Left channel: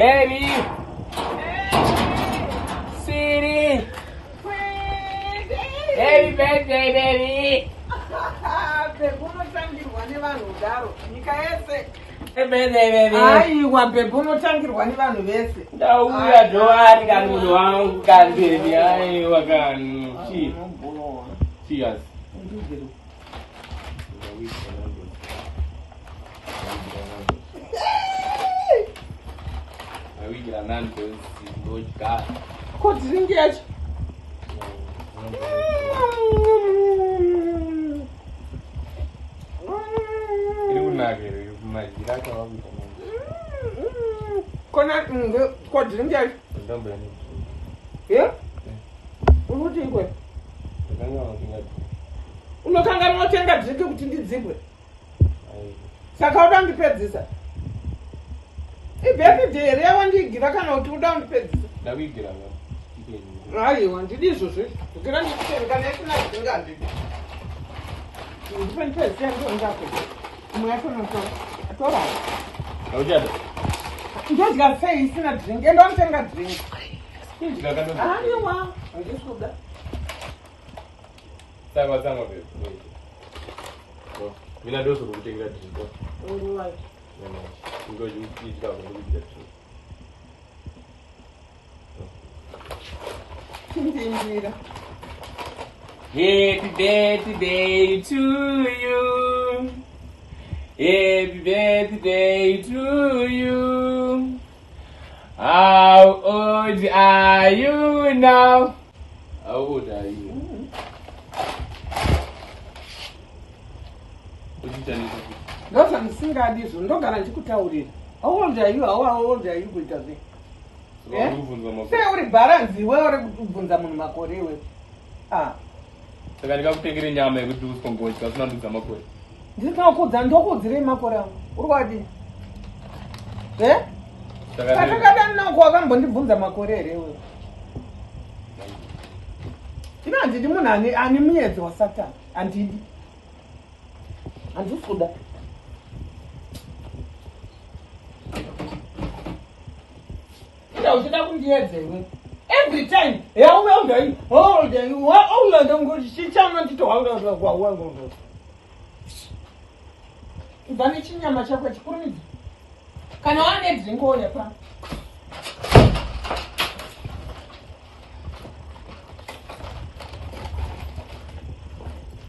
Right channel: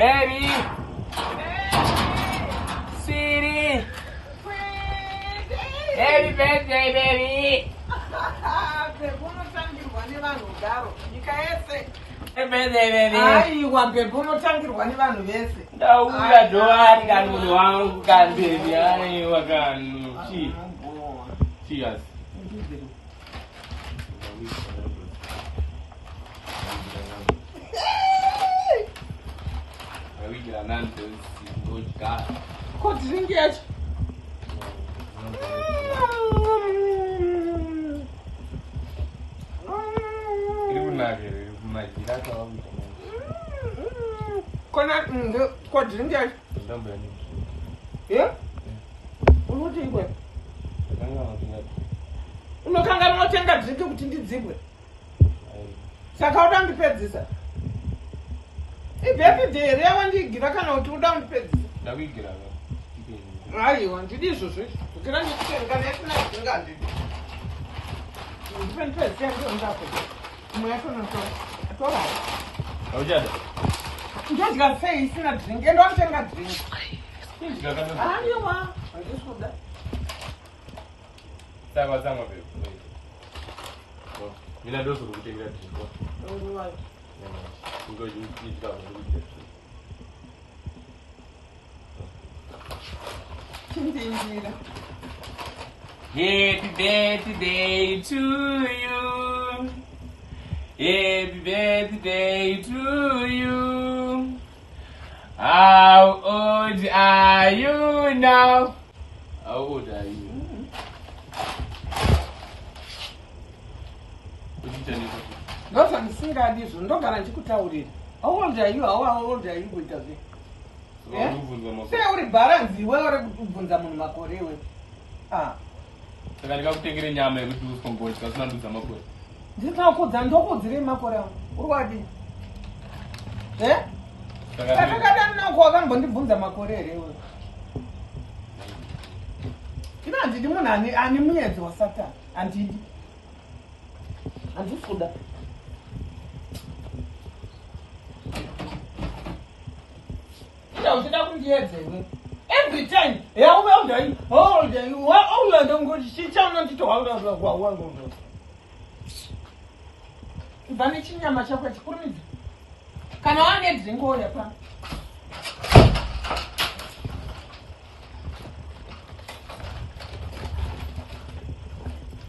Baby! Sweetie! Happy birthday, baby! Happy birthday, baby! Aiwa bebuno tangirwa nevanhu vese. Ndauya dhoani kani munhu wangu kani baby. Aiwa kani. Cheers. Awigira nando singoja. Kuti ringi yacho. Kona kwa drink yacho. Yeah? Unuti ikwe. Unokanga unotenga drink kuti ndidzibwe. Saka uda ndipedzisa. Ibhebhidhe here yawandigira kana kuti uda ndipedzisa. Ndawigira ba. Aiwa ndidi izvozvo. Ndikana ndikutenga nesina dzinga ndidi. Ndipedzisa ndongake. Mwaitonotora. Atora. Aujada. Ndodya sei isina drink. Endo nditenga drink. Ndikakatoda. Aiwa. Ndisuda. Sanga babe. So, mina dozo kutenga drink. Alright. Ngoja nijika kurudia. Ndingira. Happy birthday to you. Happy birthday to you. How old are you now? How old are you? Ndoza ndisingadi izvo ndogara ndikutaurira. How old are you? How old are you kuita sei? Sei uri bharanzi iwe uri kubvunza munhu makore iwe. Saka ndikakutengere nyama yekuti usikongoita usina ndudza makore. Ndinokudza ndokudzire makore angu. Uri wadi? Saka ndinako wakambondibvunza makore here iwe. Inanzi ndi munhu ane muedzi wasatani. Handidi. Handisi kuda. Uchida kundiedzewe. Every time, how old are you? How old are you? How old are you? Chichana ndito how old are you? Ibani chinyama chakwe chikurumidzi. Kana wane dzingo lepa.